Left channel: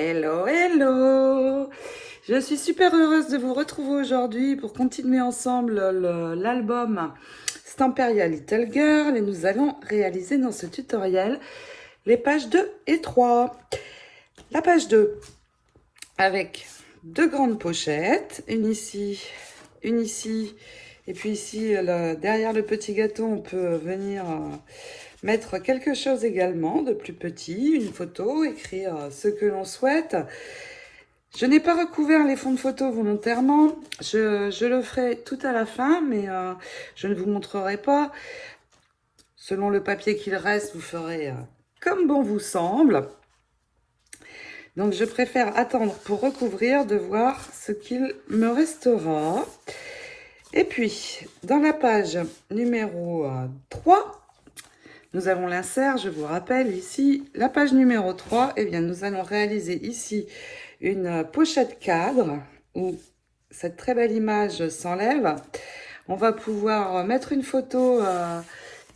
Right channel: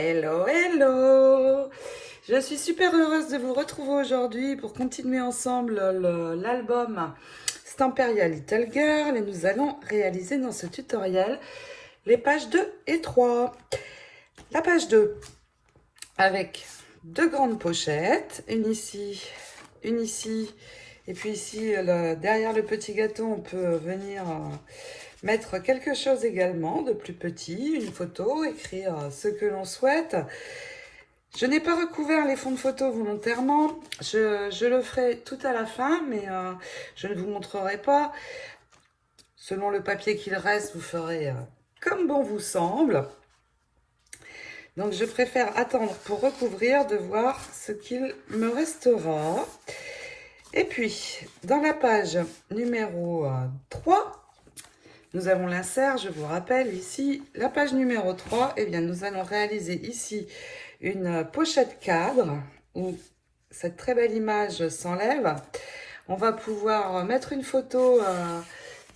Hello, hello! Je suis super heureuse de vous retrouver aujourd'hui pour continuer ensemble l'album Stamperia Little Girl et nous allons réaliser dans ce tutoriel les pages 2 et 3. La page 2 avec deux grandes pochettes, une ici, et puis ici derrière le petit gâteau on peut venir mettre quelque chose également de plus petit, une photo, écrire ce que l'on souhaite. Je n'ai pas recouvert les fonds de photo volontairement, je le ferai tout à la fin, mais je ne vous montrerai pas. Selon le papier qu'il reste, vous ferez comme bon vous semble. Donc je préfère attendre pour recouvrir, de voir ce qu'il me restera. Et puis, dans la page numéro 3, nous avons l'insert, je vous rappelle ici, la page numéro 3, et bien nous allons réaliser ici une pochette cadre où cette très belle image s'enlève. On va pouvoir mettre une photo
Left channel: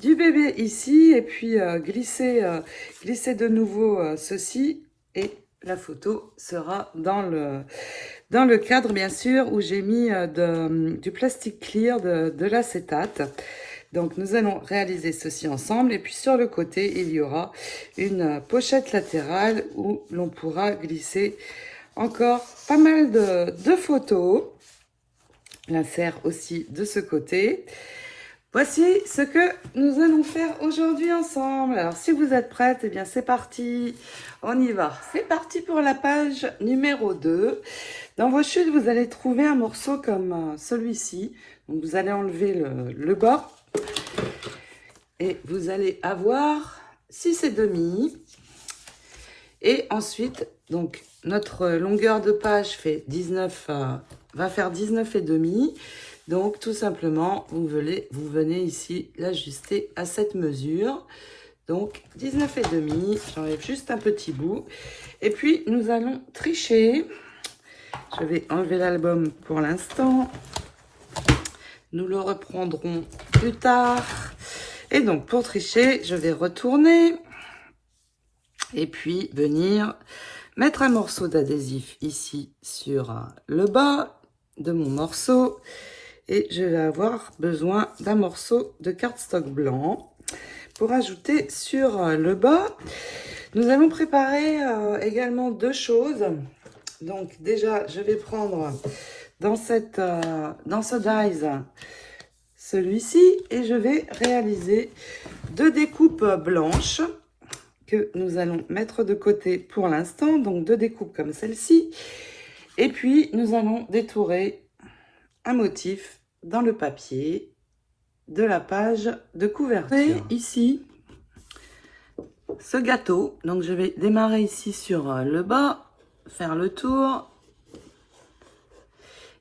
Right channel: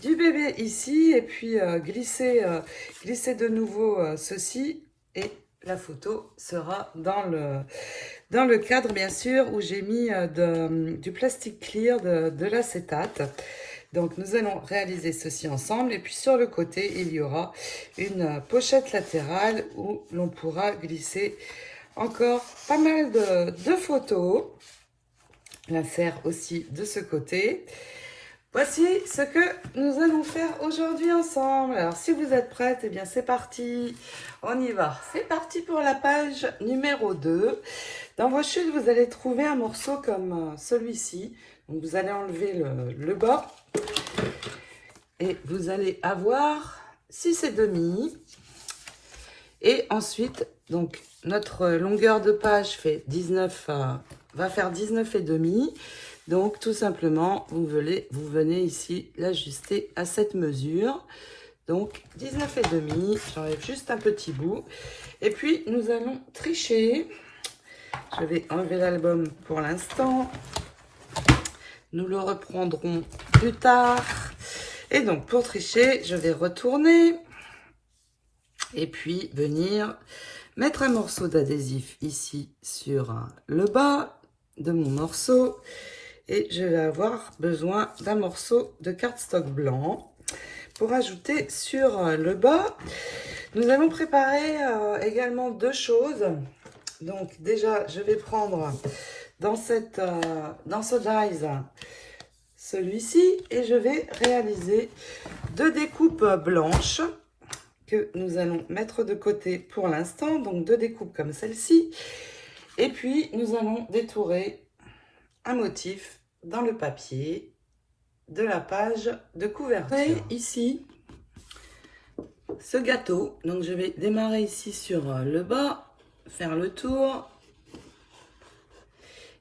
du bébé ici et puis glisser de nouveau ceci et la photo sera dans le cadre bien sûr où j'ai mis du plastique clear, de l'acétate. Donc nous allons réaliser ceci ensemble et puis sur le côté il y aura une pochette latérale où l'on pourra glisser encore pas mal de photos. L'insert aussi de ce côté. Voici ce que nous allons faire aujourd'hui ensemble. Alors si vous êtes prêtes, eh bien c'est parti. On y va. C'est parti pour la page numéro 2. Dans vos chutes, vous allez trouver un morceau comme celui-ci. Donc vous allez enlever le bas. Et vous allez avoir 6,5. Et ensuite, donc notre longueur de page fait 19, va faire 19,5. Donc tout simplement, vous venez ici l'ajuster à cette mesure. Donc 19,5, j'enlève juste un petit bout. Et puis nous allons tricher. Je vais enlever l'album pour l'instant. Nous le reprendrons plus tard. Et donc pour tricher, je vais retourner. Et puis venir mettre un morceau d'adhésif ici sur le bas de mon morceau. Et je vais avoir besoin d'un morceau de cardstock blanc pour ajouter sur le bas. Nous allons préparer également deux choses. Donc déjà, je vais prendre dans ce dies celui-ci et je vais réaliser deux découpes blanches que nous allons mettre de côté pour l'instant. Donc deux découpes comme celle-ci. Et puis nous allons détourer un motif dans le papier de la page de couverture. Et ici, ce gâteau, donc je vais démarrer ici sur le bas, faire le tour.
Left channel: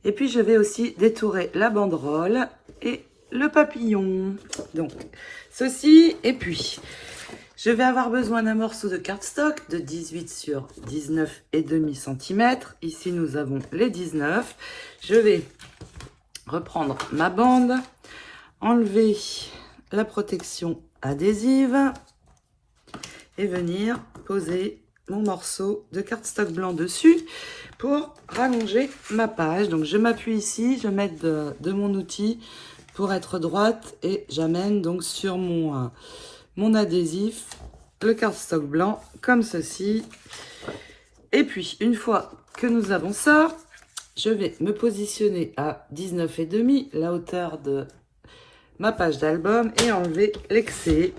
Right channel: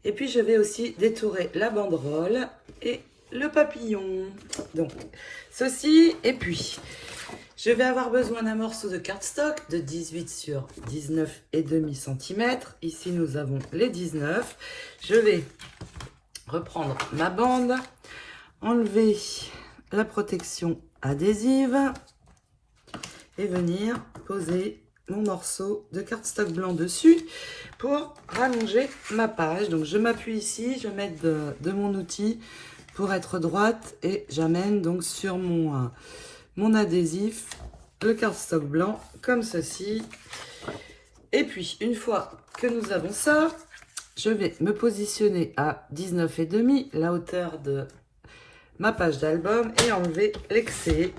Et puis je vais aussi détourer la banderole et le papillon. Donc ceci, et puis je vais avoir besoin d'un morceau de cardstock de 18 sur 19,5 cm. Ici nous avons les 19. Je vais reprendre ma bande, enlever la protection adhésive et venir poser mon morceau de cardstock blanc dessus pour rallonger ma page. Donc je m'appuie ici, je mets de mon outil pour être droite et j'amène donc sur mon adhésif le cardstock blanc comme ceci. Et puis une fois que nous avons ça, je vais me positionner à 19,5, la hauteur de ma page d'album, et enlever l'excès.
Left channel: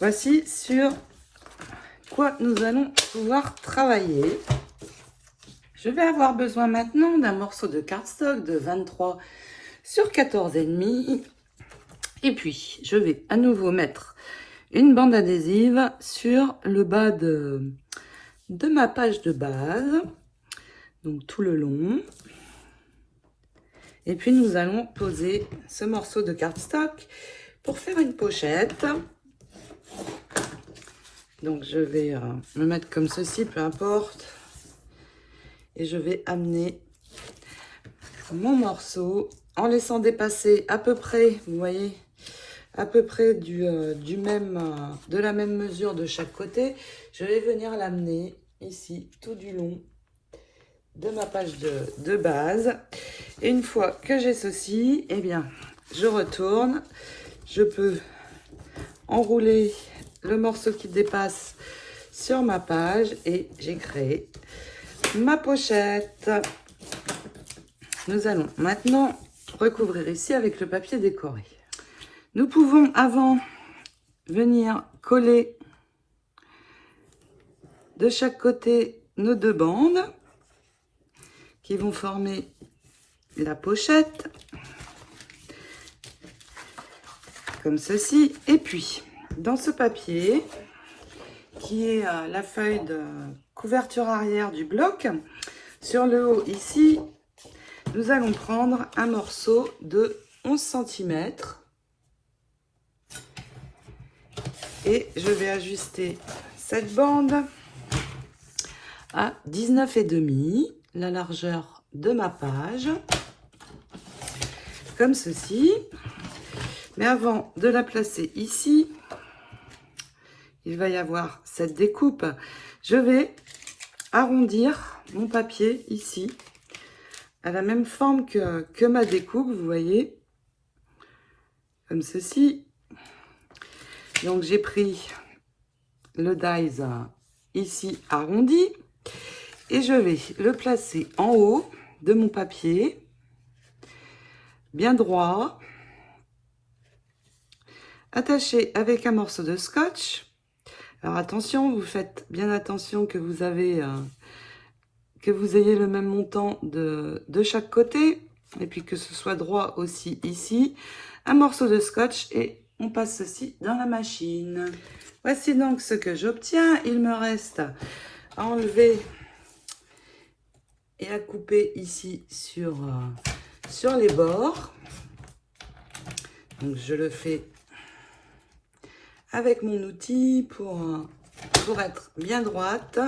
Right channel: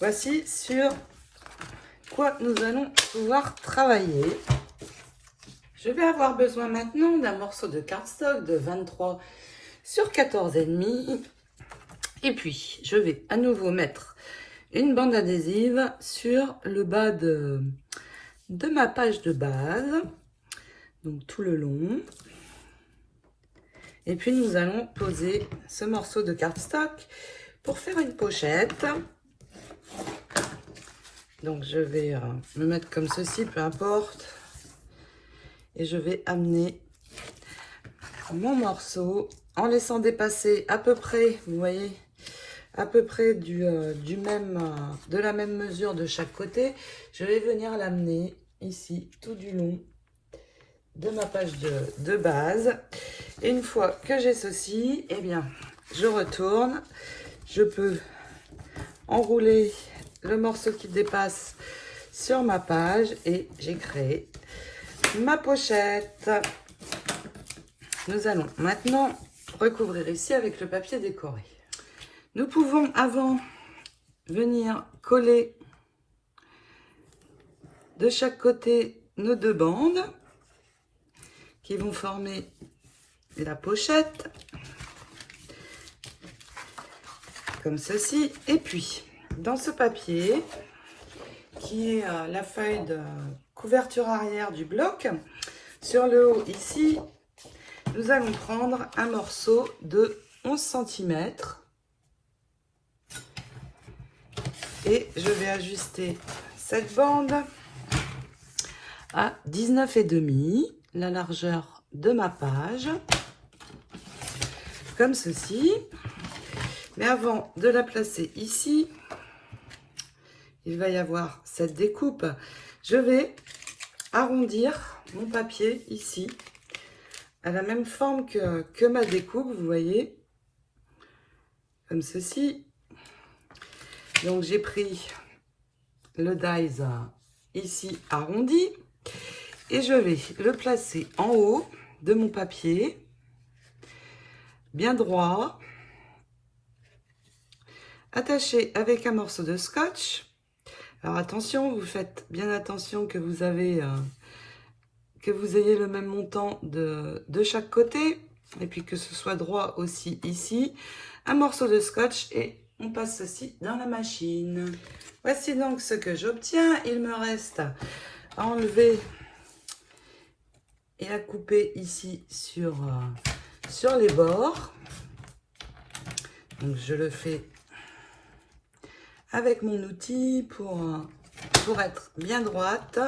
Voici sur quoi nous allons pouvoir travailler. Je vais avoir besoin maintenant d'un morceau de cardstock de 23 sur 14,5. Et puis, je vais à nouveau mettre une bande adhésive sur le bas de ma page de base. Donc tout le long. Et puis nous allons poser ce morceau de cardstock pour faire une pochette. Donc je vais le mettre comme ceci, peu importe. Et je vais amener mon morceau en laissant dépasser à peu près, vous voyez, à peu près de la même mesure de chaque côté. Je vais venir l'amener ici tout du long de ma page de base. Et une fois que j'ai ceci, eh bien, je retourne. Je peux enrouler le morceau qui dépasse sur ma page et j'ai créé ma pochette. Nous allons maintenant recouvrir ici avec le papier décoré. Nous pouvons avant venir coller de chaque côté nos deux bandes qui vont former la pochette comme ceci. Et puis dans ce papier qui est la feuille de couverture arrière du bloc, sur le haut ici nous allons prendre un morceau de 11 cm et je vais ajuster cette bande à 19,5, la largeur de ma page, comme ceci. Mais avant de la placer ici, il va y avoir cette découpe. Je vais arrondir mon papier ici, à la même forme que ma découpe, vous voyez, comme ceci. Donc j'ai pris le dies ici arrondi et je vais le placer en haut de mon papier, bien droit, attaché avec un morceau de scotch. Alors attention, vous faites bien attention que vous ayez le même montant de chaque côté et puis que ce soit droit aussi ici. Un morceau de scotch et on passe ceci dans la machine. Voici donc ce que j'obtiens. Il me reste à enlever et à couper ici sur les bords. Donc je le fais avec mon outil pour être bien droite.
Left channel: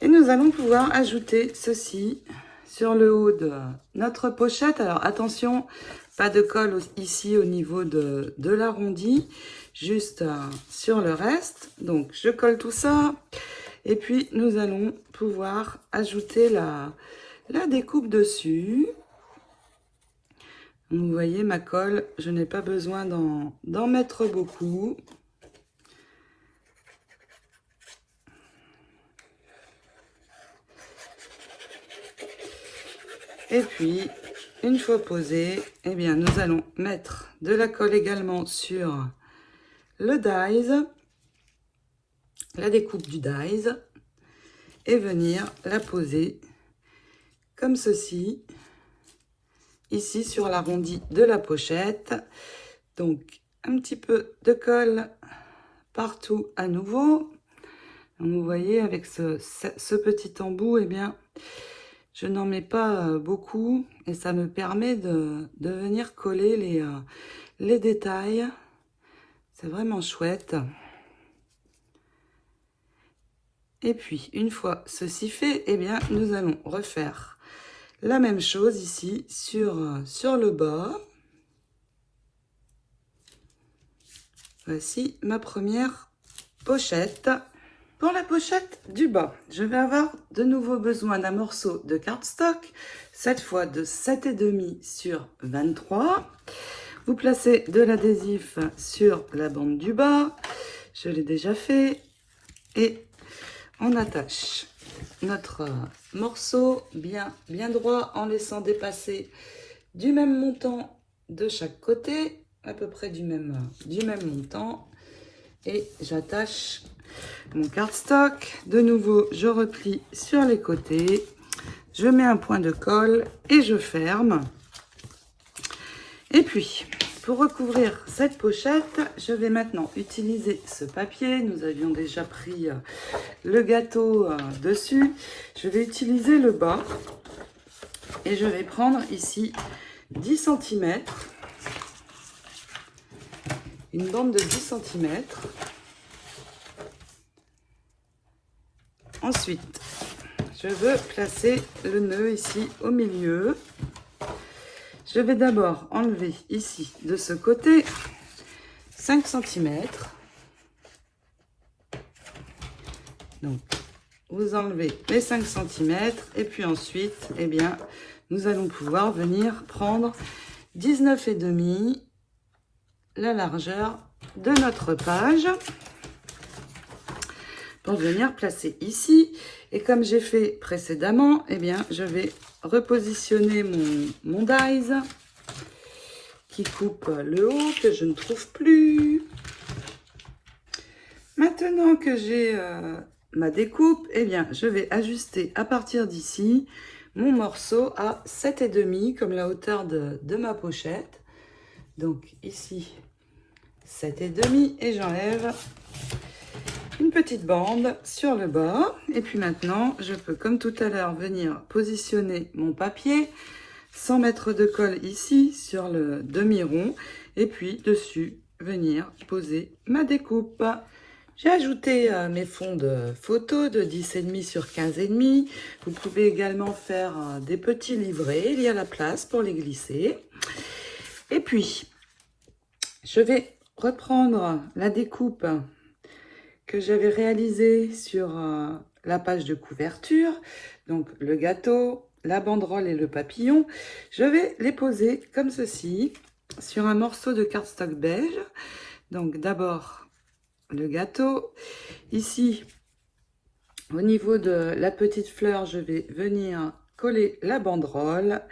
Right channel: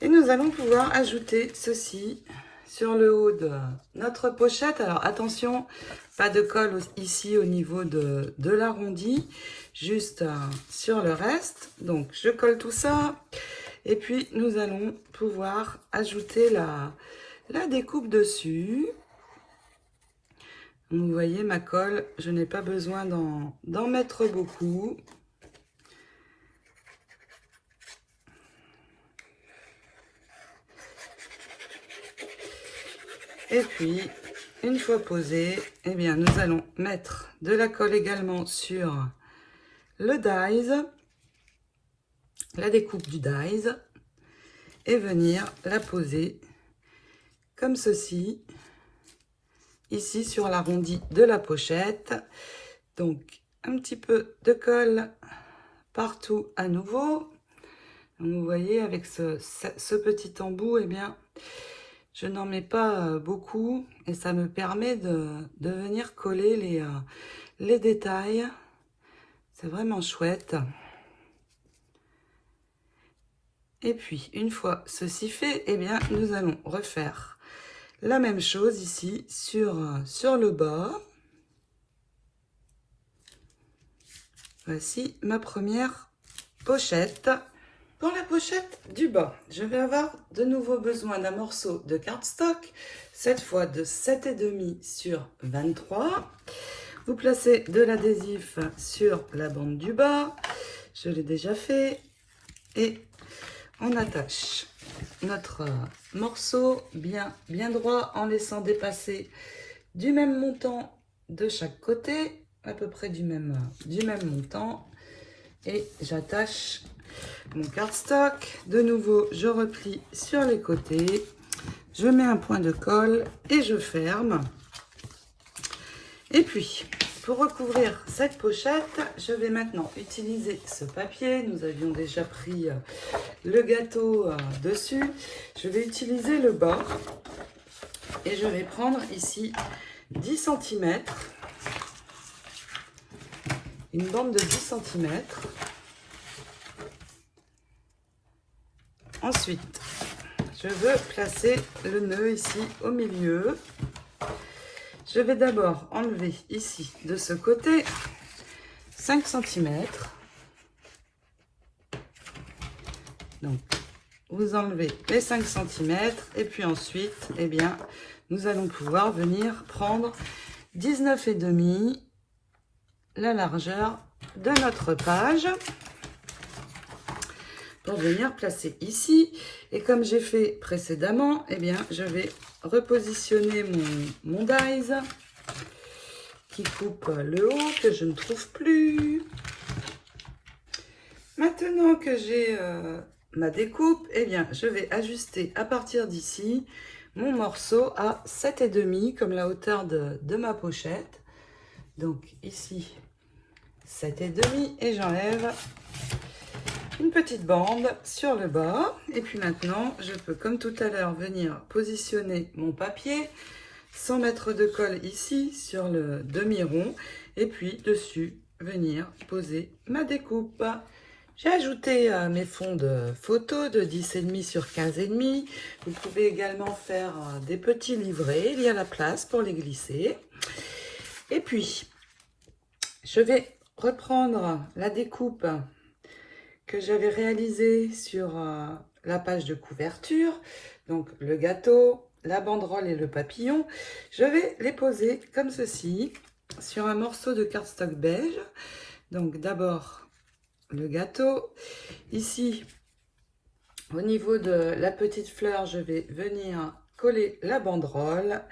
Et nous allons pouvoir ajouter ceci sur le haut de notre pochette. Alors attention, pas de colle ici au niveau de l'arrondi, juste sur le reste. Donc je colle tout ça et puis nous allons pouvoir ajouter la découpe dessus. Vous voyez ma colle, je n'ai pas besoin d'en mettre beaucoup. Et puis, une fois posé, eh bien, nous allons mettre de la colle également sur le dies, la découpe du dies, et venir la poser comme ceci, ici sur l'arrondi de la pochette. Donc, un petit peu de colle partout à nouveau. Donc, vous voyez, avec ce petit embout, eh bien, je n'en mets pas beaucoup et ça me permet de venir coller les détails. C'est vraiment chouette. Et puis, une fois ceci fait, eh bien, nous allons refaire la même chose ici sur le bord. Voici ma première pochette. Pour la pochette du bas, je vais avoir de nouveau besoin d'un morceau de cardstock, cette fois de 7,5 sur 23. Vous placez de l'adhésif sur la bande du bas, je l'ai déjà fait, et on attache notre morceau bien droit en laissant dépasser du même montant de chaque côté, à peu près du même montant, et j'attache mon cardstock. De nouveau, je replie sur les côtés, je mets un point de colle et je ferme. Et puis, pour recouvrir cette pochette, je vais maintenant utiliser ce papier. Nous avions déjà pris le gâteau dessus. Je vais utiliser le bas et je vais prendre ici 10 cm, une bande de 10 cm. Ensuite, je veux placer le nœud ici au milieu. Je vais d'abord enlever ici, de ce côté, 5 cm. Donc, vous enlevez les 5 cm et puis ensuite, eh bien, nous allons pouvoir venir prendre 19,5 la largeur de notre page pour venir placer ici. Et comme j'ai fait précédemment, eh bien, je vais repositionner mon dies qui coupe le haut que je ne trouve plus. Maintenant que j'ai ma découpe, eh bien, je vais ajuster à partir d'ici mon morceau à 7,5 comme la hauteur de ma pochette. Donc ici, 7,5 et j'enlève une petite bande sur le bas. Et puis maintenant, je peux, comme tout à l'heure, venir positionner mon papier sans mettre de colle ici sur le demi-rond. Et puis dessus, venir poser ma découpe. J'ai ajouté mes fonds de photo de 10,5 sur 15,5. Vous pouvez également faire des petits livrets. Il y a la place pour les glisser. Et puis, je vais reprendre la découpe que j'avais réalisée sur la page de couverture. Donc, le gâteau, la banderole et le papillon. Je vais les poser comme ceci sur un morceau de cardstock beige. Donc, d'abord, le gâteau. Ici, au niveau de la petite fleur, je vais venir coller la banderole.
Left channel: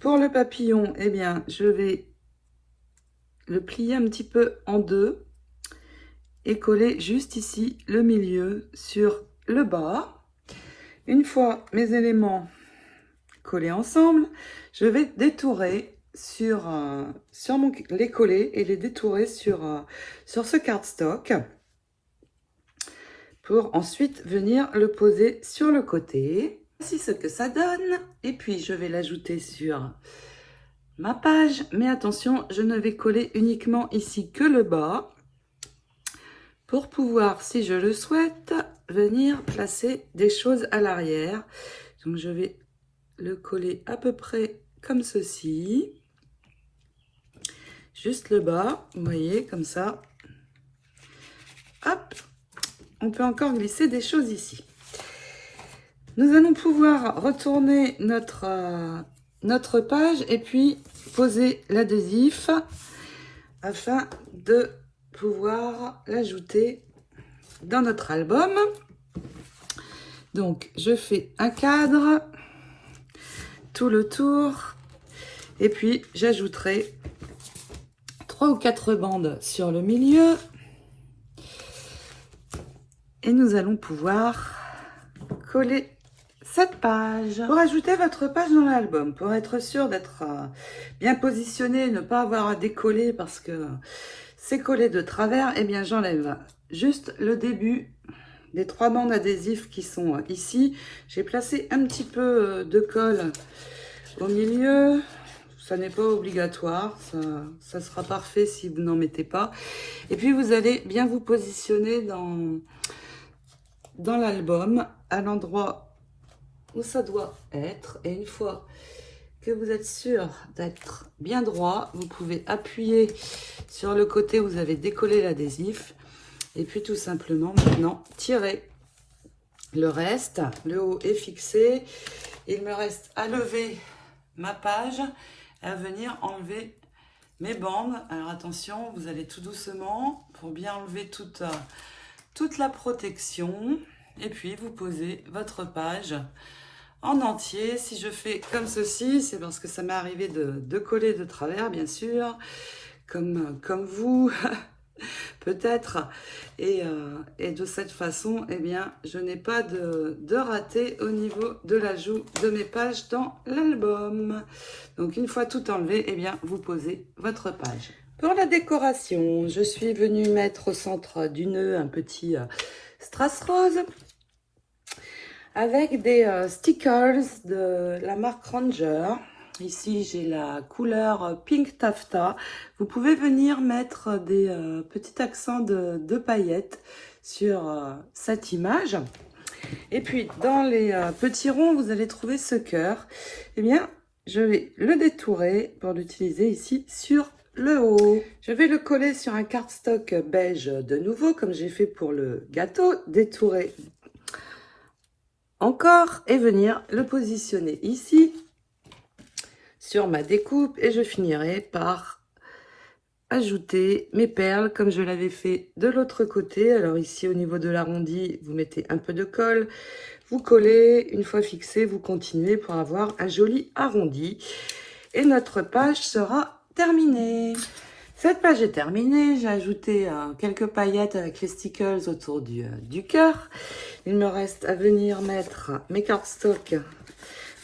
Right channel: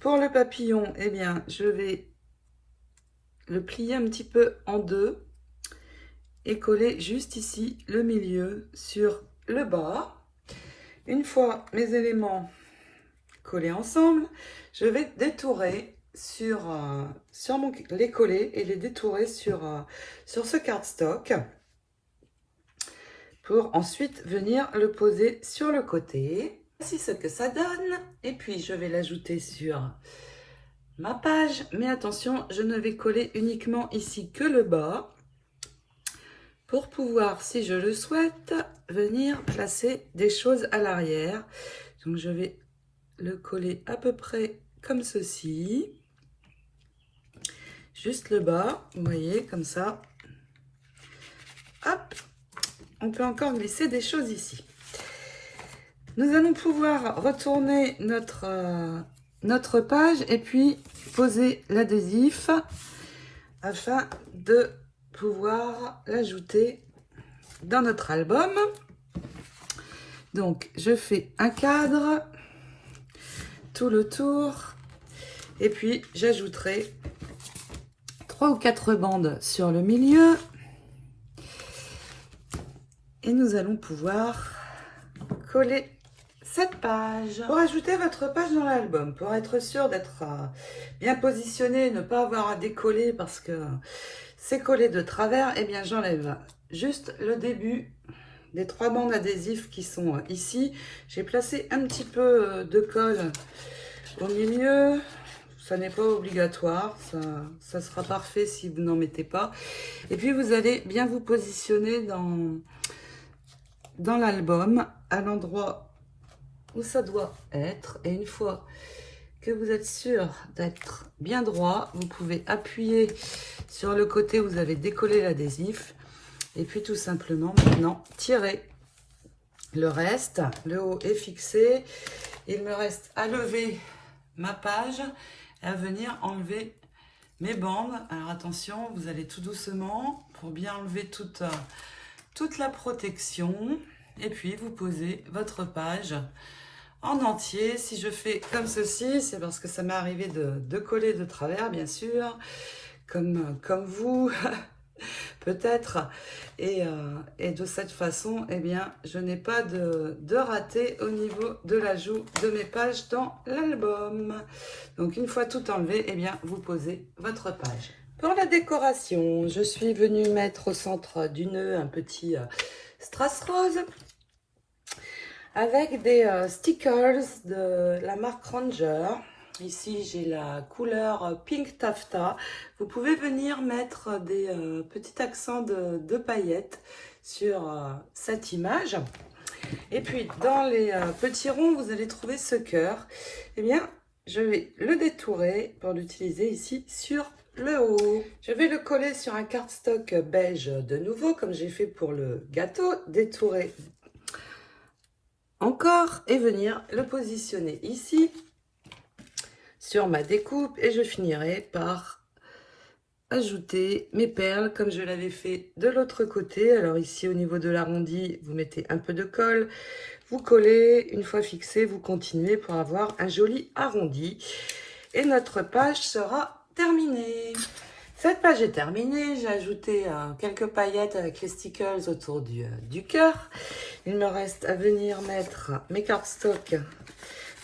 Pour le papillon, eh bien, je vais le plier un petit peu en deux et coller juste ici le milieu sur le bas. Une fois mes éléments collés ensemble, je vais détourer sur les coller et les détourer sur ce cardstock pour ensuite venir le poser sur le côté. Voici ce que ça donne. Et puis je vais l'ajouter sur ma page, mais attention, je ne vais coller uniquement ici que le bas pour pouvoir, si je le souhaite, venir placer des choses à l'arrière. Donc je vais le coller à peu près comme ceci, juste le bas, vous voyez, comme ça. Hop, on peut encore glisser des choses ici. Nous allons pouvoir retourner notre page et puis poser l'adhésif afin de pouvoir l'ajouter dans notre album. Donc, je fais un cadre tout le tour et puis j'ajouterai 3 ou 4 bandes sur le milieu et nous allons pouvoir coller cette page. Pour ajouter votre page dans l'album, pour être sûr d'être bien positionné et ne pas avoir à décoller parce que c'est collé de travers, et bien j'enlève juste le début des 3 bandes adhésives qui sont ici. J'ai placé un petit peu de colle au milieu. Ça n'est pas obligatoire, ça sera parfait si vous n'en mettez pas. Et puis vous allez bien vous positionner dans l'album à l'endroit où ça doit être. Et une fois que vous êtes sûr d'être bien droit, vous pouvez appuyer sur le côté où vous avez décollé l'adhésif. Et puis tout simplement maintenant tirer le reste. Le haut est fixé. Il me reste à lever ma page et à venir enlever mes bandes. Alors attention, vous allez tout doucement pour bien enlever toute la protection. Et puis vous posez votre page en entier. Si je fais comme ceci, c'est parce que ça m'est arrivé de coller de travers, bien sûr, comme vous, peut-être. Et de cette façon, eh bien, je n'ai pas de raté au niveau de l'ajout de mes pages dans l'album. Donc, une fois tout enlevé, eh bien, vous posez votre page. Pour la décoration, je suis venue mettre au centre du nœud un petit strass rose avec des stickers de la marque Ranger. Ici, j'ai la couleur Pink Taffeta. Vous pouvez venir mettre des petits accents de paillettes sur cette image. Et puis, dans les petits ronds, vous allez trouver ce cœur. Eh bien, je vais le détourer pour l'utiliser ici sur le haut. Je vais le coller sur un cardstock beige de nouveau, comme j'ai fait pour le gâteau, détourer encore et venir le positionner ici sur ma découpe, et je finirai par ajouter mes perles comme je l'avais fait de l'autre côté. Alors ici au niveau de l'arrondi, vous mettez un peu de colle, vous collez, une fois fixé, vous continuez pour avoir un joli arrondi et notre page sera terminée. Cette page est terminée, j'ai ajouté quelques paillettes avec les stickers autour du cœur. Il me reste à venir mettre mes cardstocks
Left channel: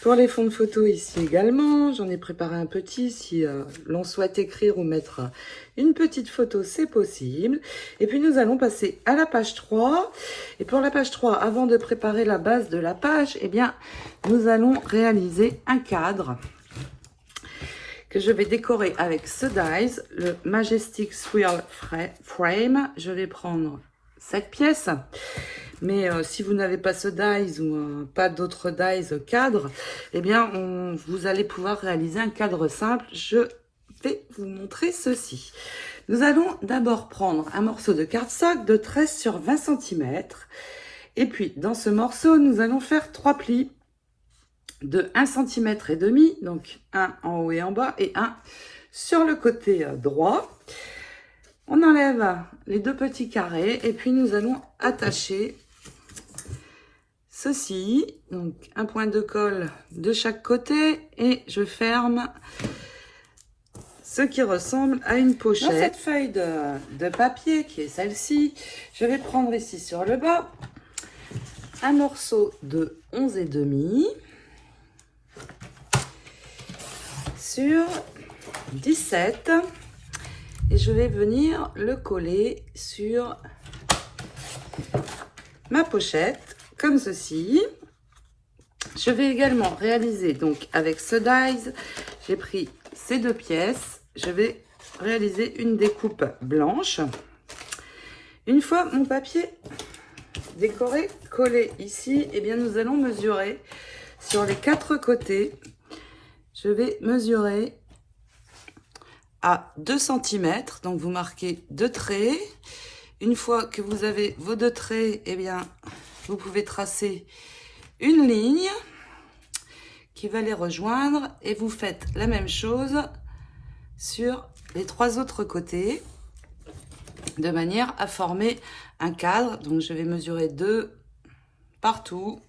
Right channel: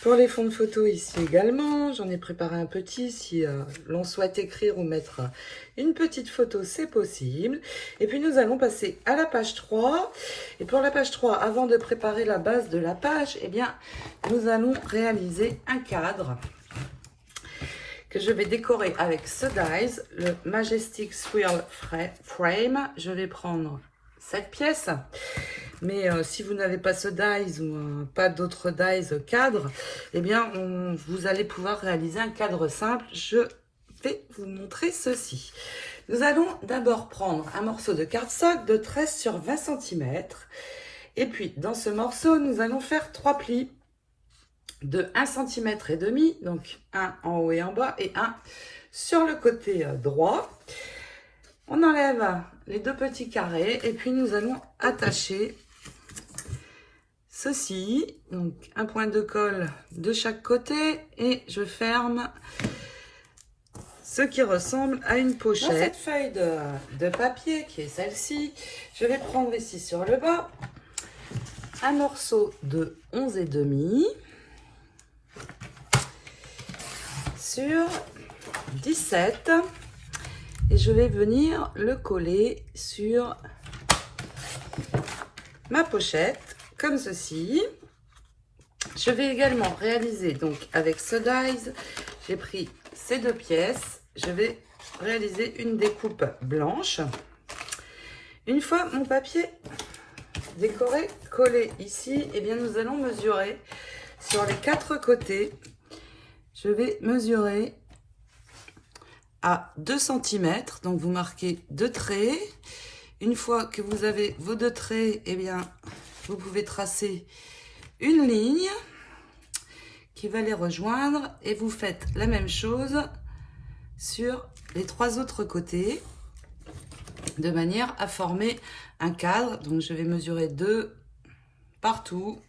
pour les fonds de photo ici également. J'en ai préparé un petit, si l'on souhaite écrire ou mettre une petite photo, c'est possible. Et puis nous allons passer à la page 3. Et pour la page 3, avant de préparer la base de la page, eh bien, nous allons réaliser un cadre que je vais décorer avec ce dies, le Majestic Swirl Frame. Je vais prendre cette pièce. Mais si vous n'avez pas ce dies ou pas d'autres dies cadre, eh bien, vous allez pouvoir réaliser un cadre simple. Je vais vous montrer ceci. Nous allons d'abord prendre un morceau de cardstock de 13 sur 20 cm. Et puis, dans ce morceau, nous allons faire 3 plis de 1,5 cm, donc un en haut et en bas, et un sur le côté droit. On enlève les 2 petits carrés, et puis nous allons attacher ceci, donc un point de colle de chaque côté, et je ferme ce qui ressemble à une pochette. Dans cette feuille de papier, qui est celle-ci, je vais prendre ici sur le bas un morceau de 11,5 sur 17, et je vais venir le coller sur ma pochette comme ceci. Je vais également réaliser, donc avec ce dies, j'ai pris ces 2 pièces, je vais réaliser une découpe blanche. Une fois mon papier décoré, collé ici, et bien nous allons mesurer sur les 4 côtés. Je vais mesurer à 2 cm, donc vous marquez 2 traits. Une fois que vous avez vos 2 traits, eh bien, vous pouvez tracer une ligne qui va les rejoindre, et vous faites la même chose sur les 3 autres côtés de manière à former un cadre. Donc je vais mesurer 2 partout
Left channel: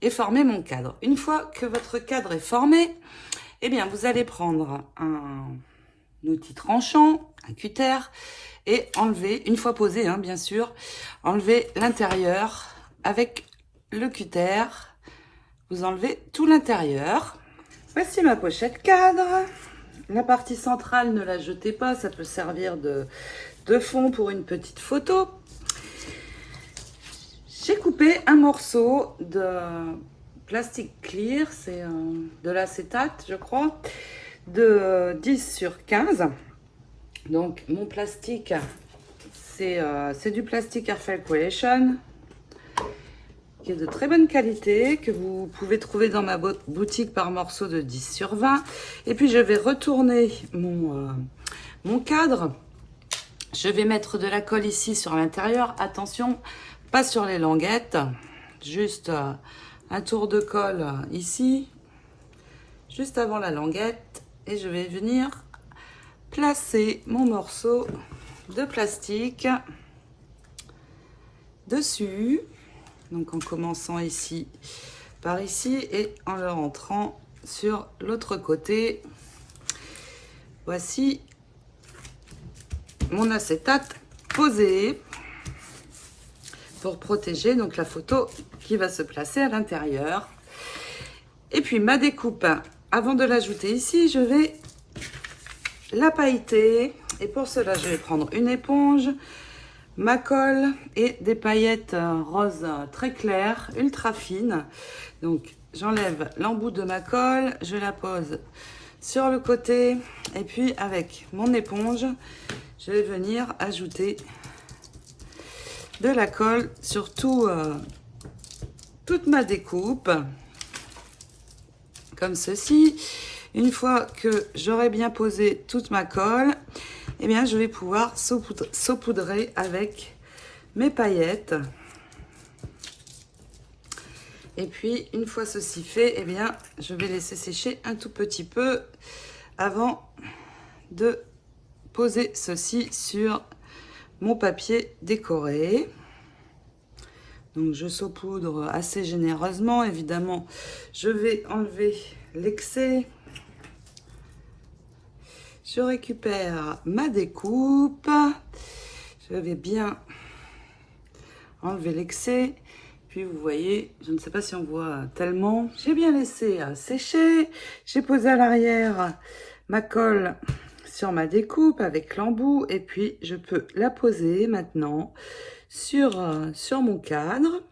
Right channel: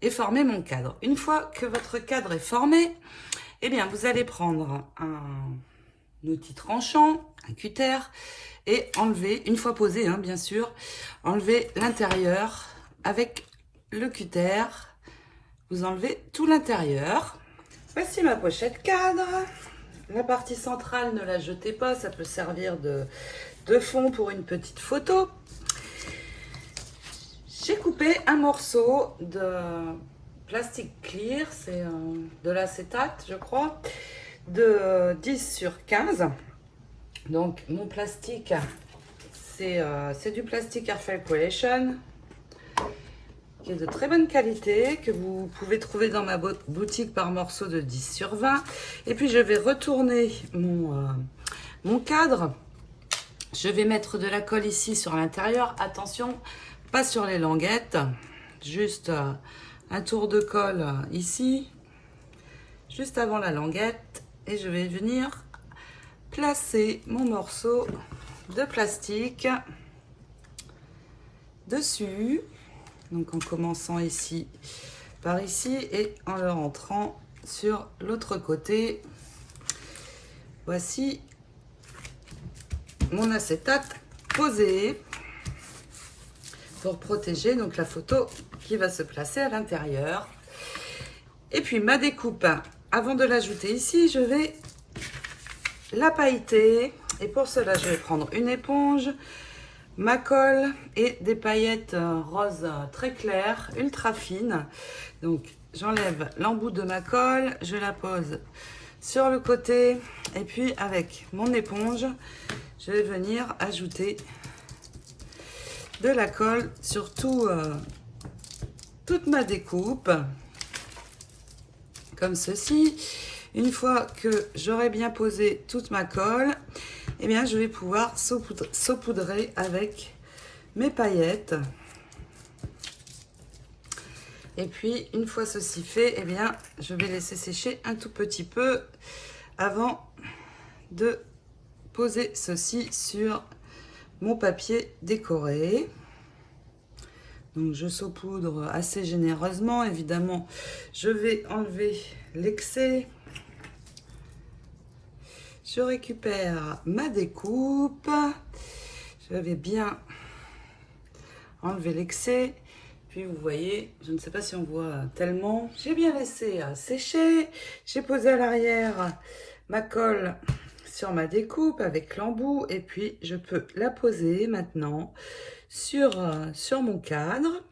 et former mon cadre. Une fois que votre cadre est formé, eh bien vous allez prendre un outil tranchant, un cutter, et enlever, une fois posé bien sûr, enlever l'intérieur avec le cutter. Vous enlevez tout l'intérieur. Voici ma pochette cadre. La partie centrale, ne la jetez pas, ça peut servir de fond pour une petite photo. J'ai coupé un morceau de plastique clear, c'est de l'acétate je crois, de 10 sur 15. Donc mon plastique, c'est du plastique Airflow Creation, qui est de très bonne qualité, que vous pouvez trouver dans ma boutique par morceau de 10 sur 20. Et puis je vais retourner mon cadre. Je vais mettre de la colle ici sur l'intérieur. Attention, pas sur les languettes. Juste un tour de colle ici, juste avant la languette. Et je vais venir placer mon morceau de plastique dessus. Donc en commençant ici par ici et en le rentrant sur l'autre côté. Voici mon acétate posé pour protéger donc la photo qui va se placer à l'intérieur. Et puis ma découpe, avant de l'ajouter ici, je vais la pailleter, et pour cela je vais prendre une éponge, ma colle et des paillettes roses très claires, ultra fines. Donc j'enlève l'embout de ma colle, je la pose sur le côté, et puis avec mon éponge je vais venir ajouter de la colle sur toute ma découpe comme ceci. Une fois que j'aurai bien posé toute ma colle, eh bien, je vais pouvoir saupoudrer avec mes paillettes. Et puis, une fois ceci fait, eh bien, je vais laisser sécher un tout petit peu avant de poser ceci sur mon papier décoré. Donc, je saupoudre assez généreusement. Évidemment, je vais enlever l'excès. Je récupère ma découpe. Je vais bien enlever l'excès. Puis vous voyez, je ne sais pas si on voit tellement. J'ai bien laissé sécher. J'ai posé à l'arrière ma colle sur ma découpe avec l'embout. Et puis je peux la poser maintenant sur mon cadre.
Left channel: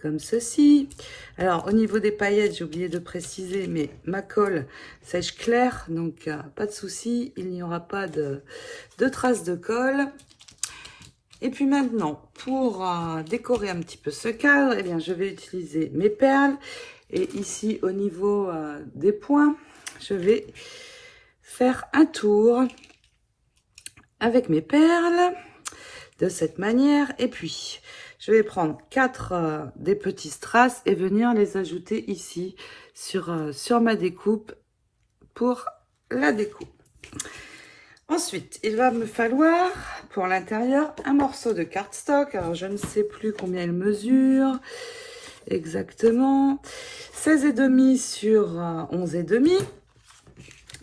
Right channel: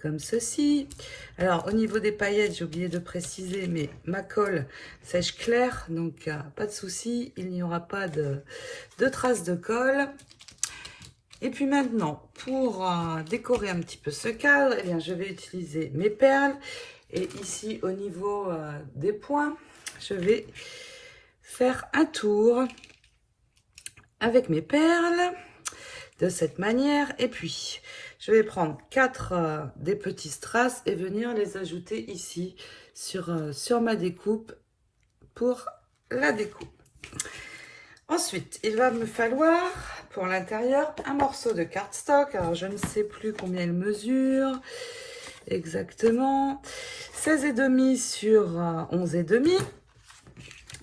Comme ceci. Alors au niveau des paillettes, j'ai oublié de préciser, mais ma colle sèche clair, donc pas de souci, il n'y aura pas de traces de colle. Et puis maintenant, pour décorer un petit peu ce cadre, eh bien, je vais utiliser mes perles. Et ici, au niveau des points, je vais faire un tour avec mes perles de cette manière. Et puis, je vais prendre 4 des petits strass et venir les ajouter ici sur ma découpe pour la découpe. Ensuite, il va me falloir pour l'intérieur un morceau de cardstock. Alors, je ne sais plus combien il mesure exactement. 16,5 sur 11,5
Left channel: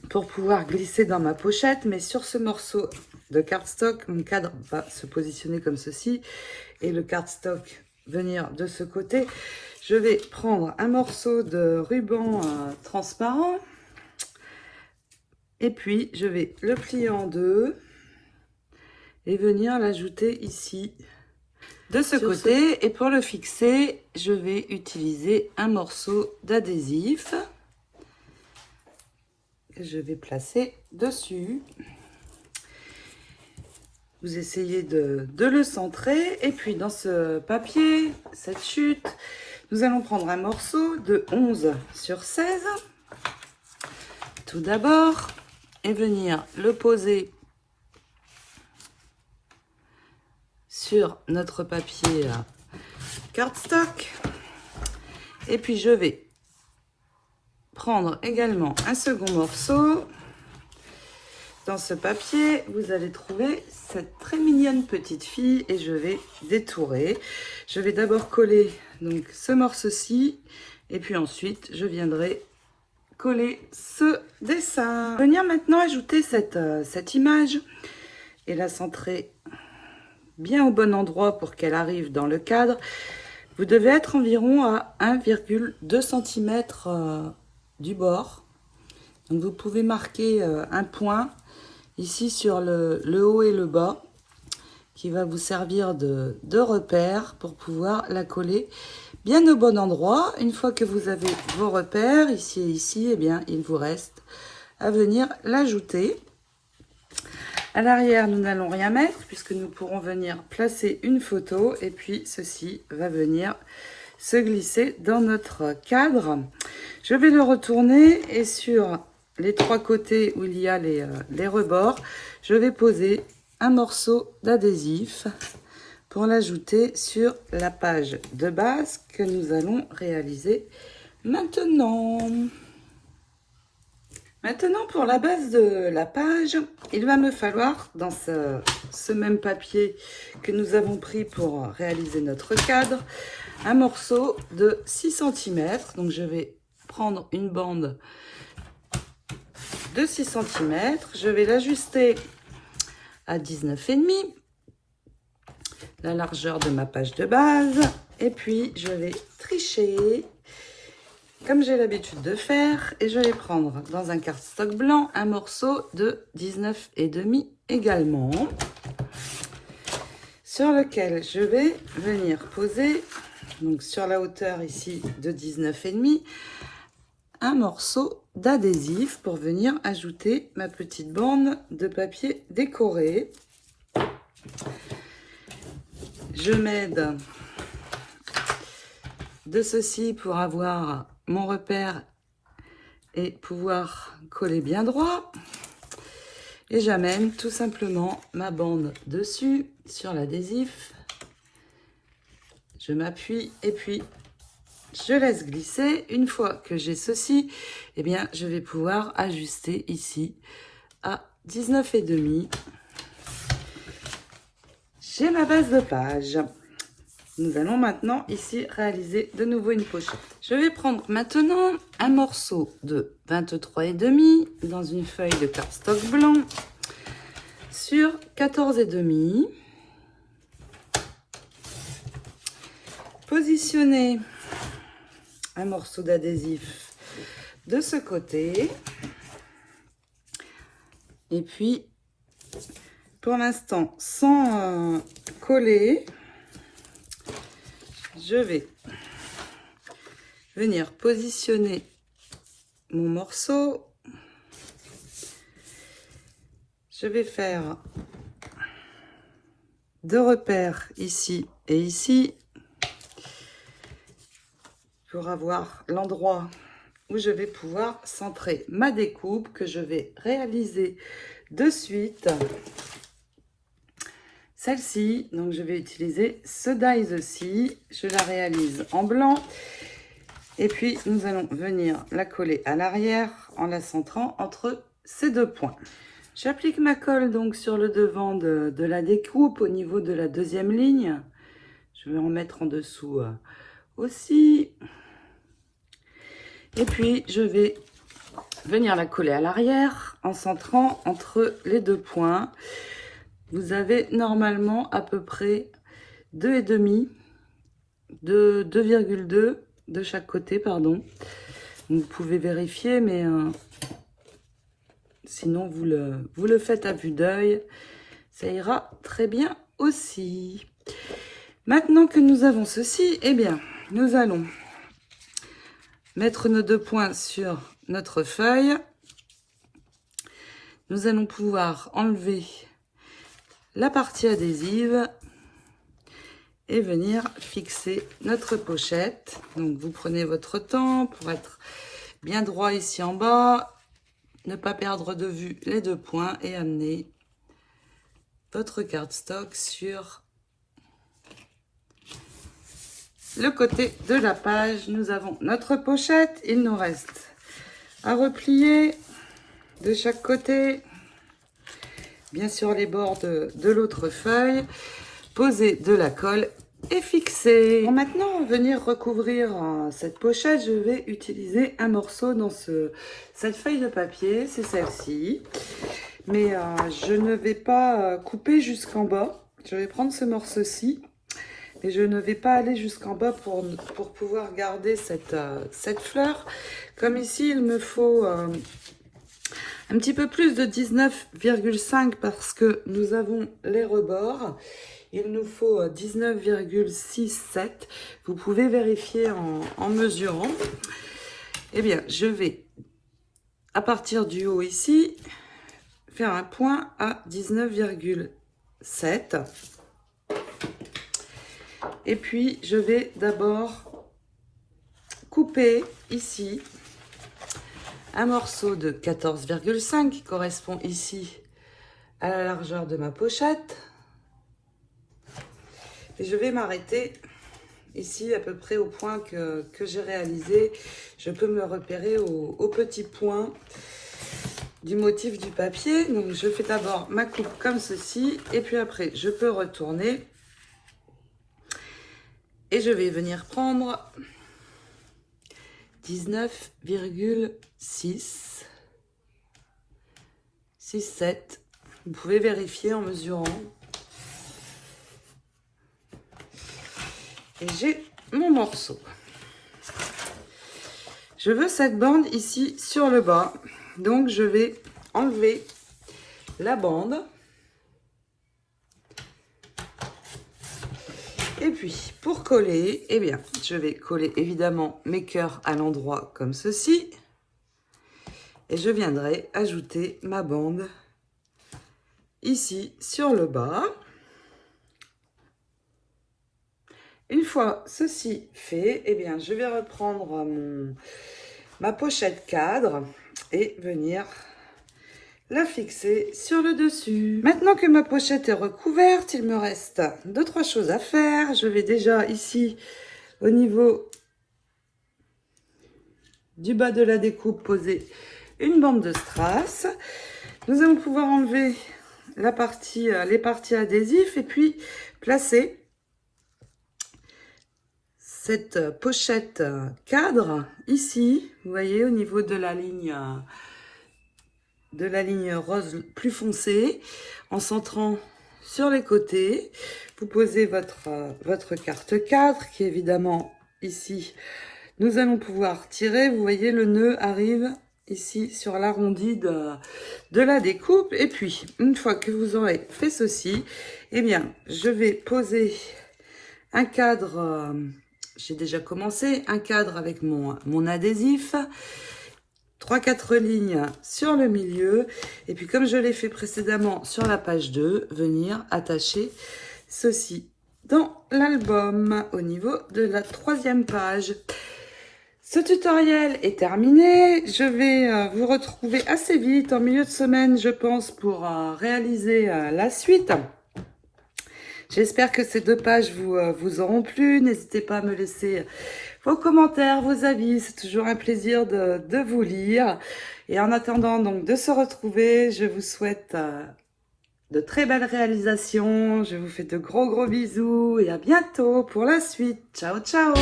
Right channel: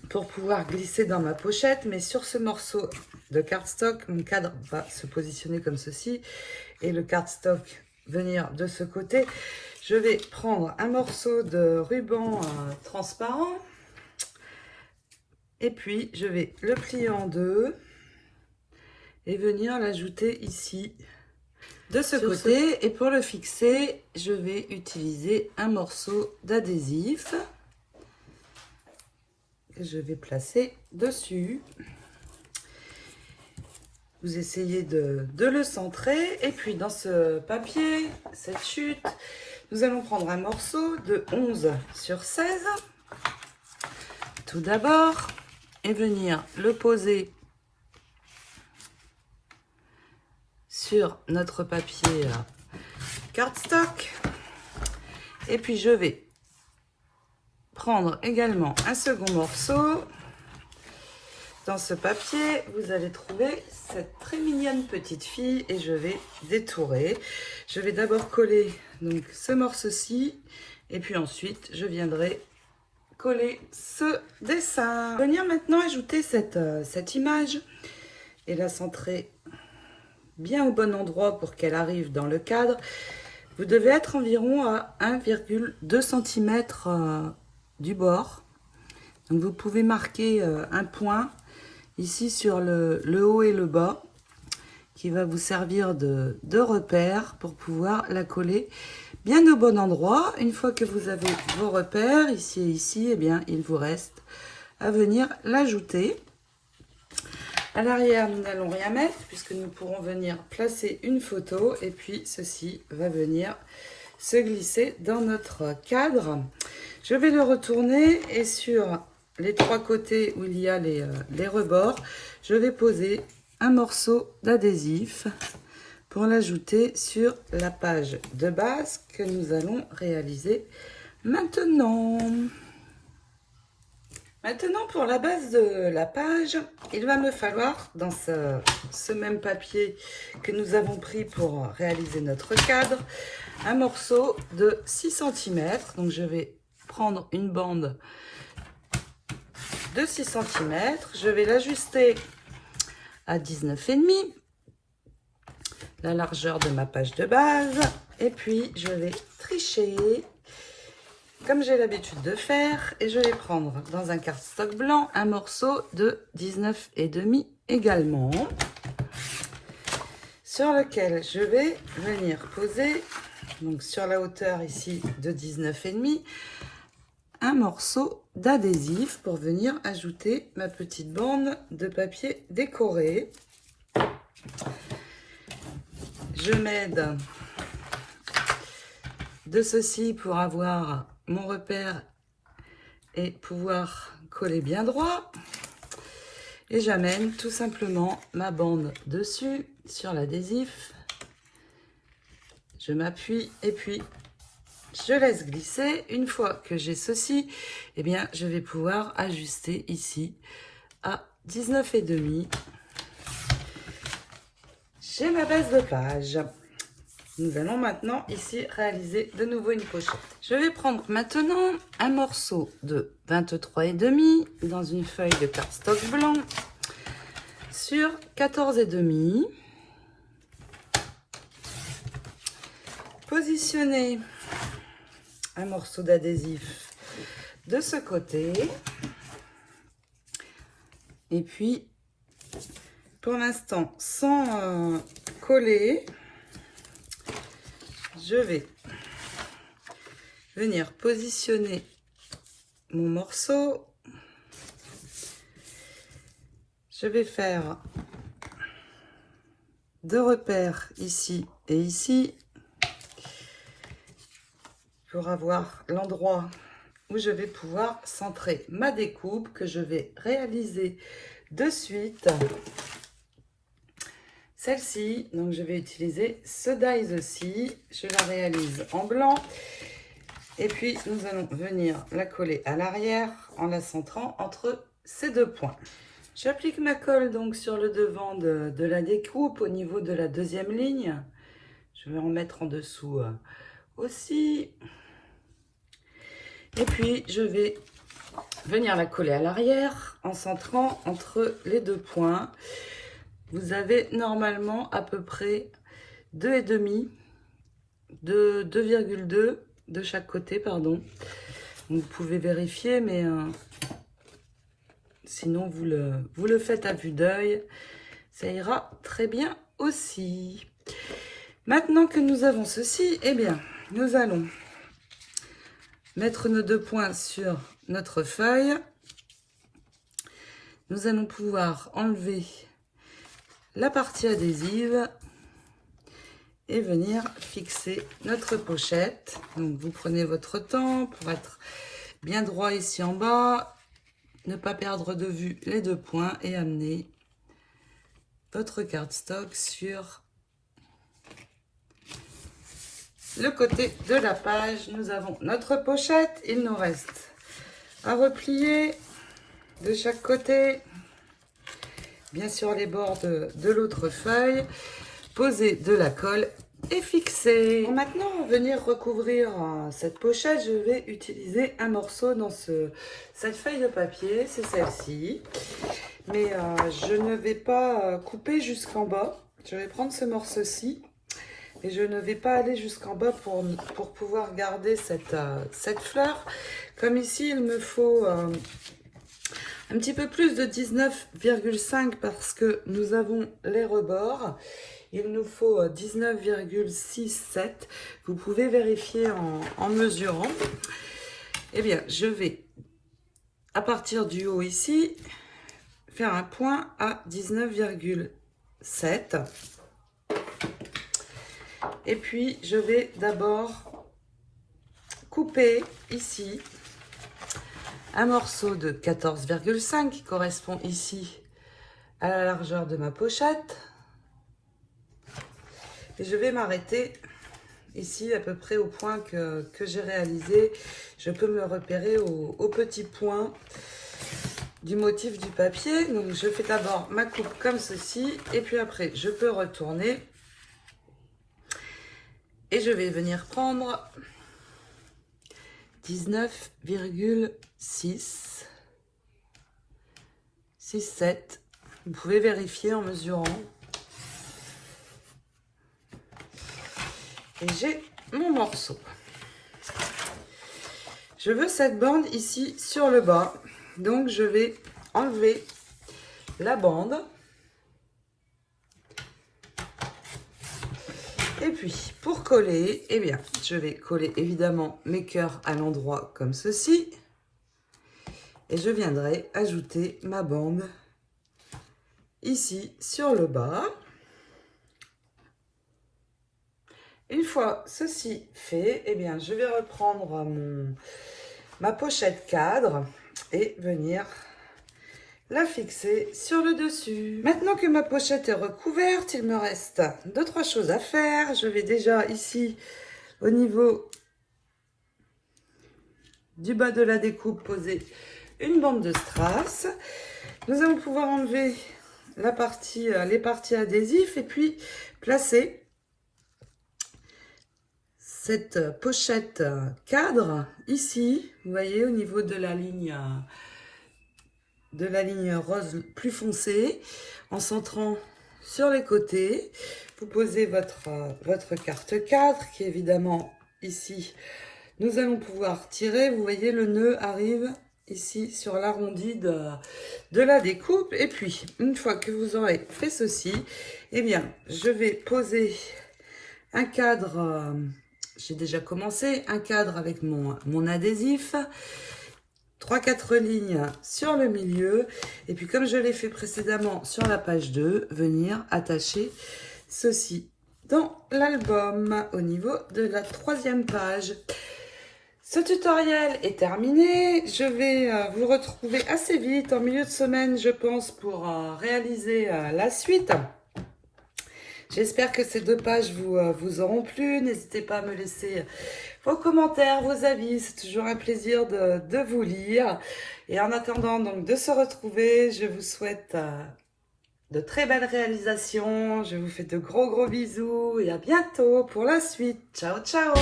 pour pouvoir glisser dans ma pochette. Mais sur ce morceau de cardstock, mon cadre va se positionner comme ceci et le cardstock venir de ce côté. Je vais prendre un morceau de ruban transparent. Et puis, je vais le plier en deux et venir l'ajouter ici, de ce côté. Et pour le fixer, je vais utiliser un morceau d'adhésif que je vais placer dessus. Vous essayez de le centrer. Et puis, dans ce papier, cette chute, nous allons prendre un morceau de 11 sur 16. Tout d'abord. Et venir le poser sur notre papier cardstock. Et puis je vais prendre également un second morceau. Dans ce papier, vous allez trouver cette très mignonne petite fille et je vais détourer. Je vais d'abord coller donc ce morceau-ci et puis ensuite je viendrai coller ce dessin. Venir maintenant ajouter cette image et la centrer bien au bon endroit pour qu'elle arrive dans le cadre. Vous devez être environ à 1,2 cm du bord. Donc vous pouvez marquer un point ici sur le haut et le bas qui va vous servir de repère pour pouvoir la coller bien au bon endroit. Une fois que vous avez vos repères ici et ici, eh bien, il vous reste à venir l'ajouter. À l'arrière, nous n'allons rien mettre puisque nous pourrons venir placer une photo et puis ceci va venir se glisser dans notre cadre. Je vais le retourner et sur les 3 côtés où il y a les rebords, je vais poser un morceau d'adhésif pour l'ajouter sur la page de base que nous allons réaliser maintenant. Maintenant, pour la base de la page, il va me falloir, dans ce même papier que nous avons pris pour réaliser notre cadre, un morceau de 6 cm. Donc, je vais prendre une bande de 6 cm. Je vais l'ajuster à 19,5 la largeur de ma page de base. Et puis, je vais tricher comme j'ai l'habitude de faire. Et je vais prendre dans un cardstock blanc un morceau de 19,5 également. Sur lequel je vais venir poser, donc sur la hauteur ici de 19,5, un morceau d'adhésif pour venir ajouter ma petite bande de papier décoré. Je m'aide de ceci pour avoir mon repère et pouvoir coller bien droit. Et j'amène tout simplement ma bande dessus, sur l'adhésif. Je m'appuie et puis je laisse glisser. Une fois que j'ai ceci, eh bien, je vais pouvoir ajuster ici à 19,5. J'ai ma base de page. Nous allons maintenant ici réaliser de nouveau une pochette. Je vais prendre maintenant un morceau de 23,5 dans une feuille de cardstock blanc sur 14,5. Positionner un morceau d'adhésif de ce côté. Et puis, pour l'instant, sans coller, je vais venir positionner mon morceau. Je vais faire 2 repères ici et ici pour avoir l'endroit où je vais pouvoir centrer ma découpe que je vais réaliser de suite. Celle-ci, donc je vais utiliser ce dies-ci, je la réalise en blanc et puis nous allons venir la coller à l'arrière en la centrant entre ces 2 points. J'applique ma colle donc sur le devant de la découpe au niveau de la 2e ligne. Je vais en mettre en dessous aussi. Et puis je vais venir la coller à l'arrière en centrant entre les 2 points. Vous avez normalement à peu près 2,5, 2,2 de chaque côté, pardon. Vous pouvez vérifier, mais sinon vous le faites à vue d'œil. Ça ira très bien aussi. Maintenant que nous avons ceci, eh bien, nous allons mettre nos 2 points sur notre feuille. Nous allons pouvoir enlever la partie adhésive et venir fixer notre pochette. Donc vous prenez votre temps pour être bien droit ici en bas, ne pas perdre de vue les 2 points et amener votre cardstock sur le côté de la page. Nous avons notre pochette, il nous reste à replier de chaque côté. Bien sûr les bords de l'autre feuille, poser de la colle et fixer. Pour maintenant venir recouvrir cette pochette, je vais utiliser un morceau dans cette feuille de papier, c'est celle-ci. Mais je ne vais pas couper jusqu'en bas, je vais prendre ce morceau-ci et je ne vais pas aller jusqu'en bas pour pouvoir garder cette fleur. Comme ici, il me faut un petit peu plus de 19,5 parce que nous avons les rebords. Il nous faut 19,67. Vous pouvez vérifier en mesurant. Eh bien, je vais, à partir du haut ici, faire un point à 19,7. Et puis, je vais d'abord couper ici un morceau de 14,5 qui correspond ici à la largeur de ma pochette. Et je vais m'arrêter ici à peu près au point que j'ai réalisé. Je peux me repérer au petit point du motif du papier. Donc je fais d'abord ma coupe comme ceci et puis après je peux retourner et je vais venir prendre 19,6, 7. Vous pouvez vérifier en mesurant. Et j'ai mon morceau. Je veux cette bande ici sur le bas. Donc je vais enlever la bande. Et puis pour coller, eh bien, je vais coller évidemment mes cœurs à l'endroit comme ceci. Et je viendrai ajouter ma bande ici sur le bas. Une fois ceci fait, eh bien, je vais reprendre ma pochette cadre et venir la fixer sur le dessus. Maintenant que ma pochette est recouverte, il me reste 2-3 choses à faire. Je vais déjà ici, au niveau du bas de la découpe, poser une bande de strass. Nous allons pouvoir enlever les parties adhésives et puis placer cette pochette cadre ici, vous voyez, au niveau de la ligne rose plus foncée, en centrant sur les côtés. Vous posez votre carte cadre qui est évidemment ici. Nous allons pouvoir tirer, vous voyez, le nœud arrive ici sur l'arrondi de la découpe. Et puis, une fois que vous aurez fait ceci, eh bien, je vais poser un cadre, j'ai déjà commencé, un cadre avec mon adhésif, 3-4 lignes sur le milieu, et puis comme je l'ai fait précédemment sur la page 2, venir attacher ceci dans l'album au niveau de la 3e page. Ce tutoriel est terminé. Je vais vous retrouver assez vite, en milieu de semaine, je pense, pour réaliser la suite. J'espère que ces 2 pages vous auront plu. N'hésitez pas à me laisser vos commentaires, vos avis. C'est toujours un plaisir de vous lire. Et en attendant donc de se retrouver, je vous souhaite de très belles réalisations. Je vous fais de gros bisous et à bientôt pour la suite. Ciao, ciao!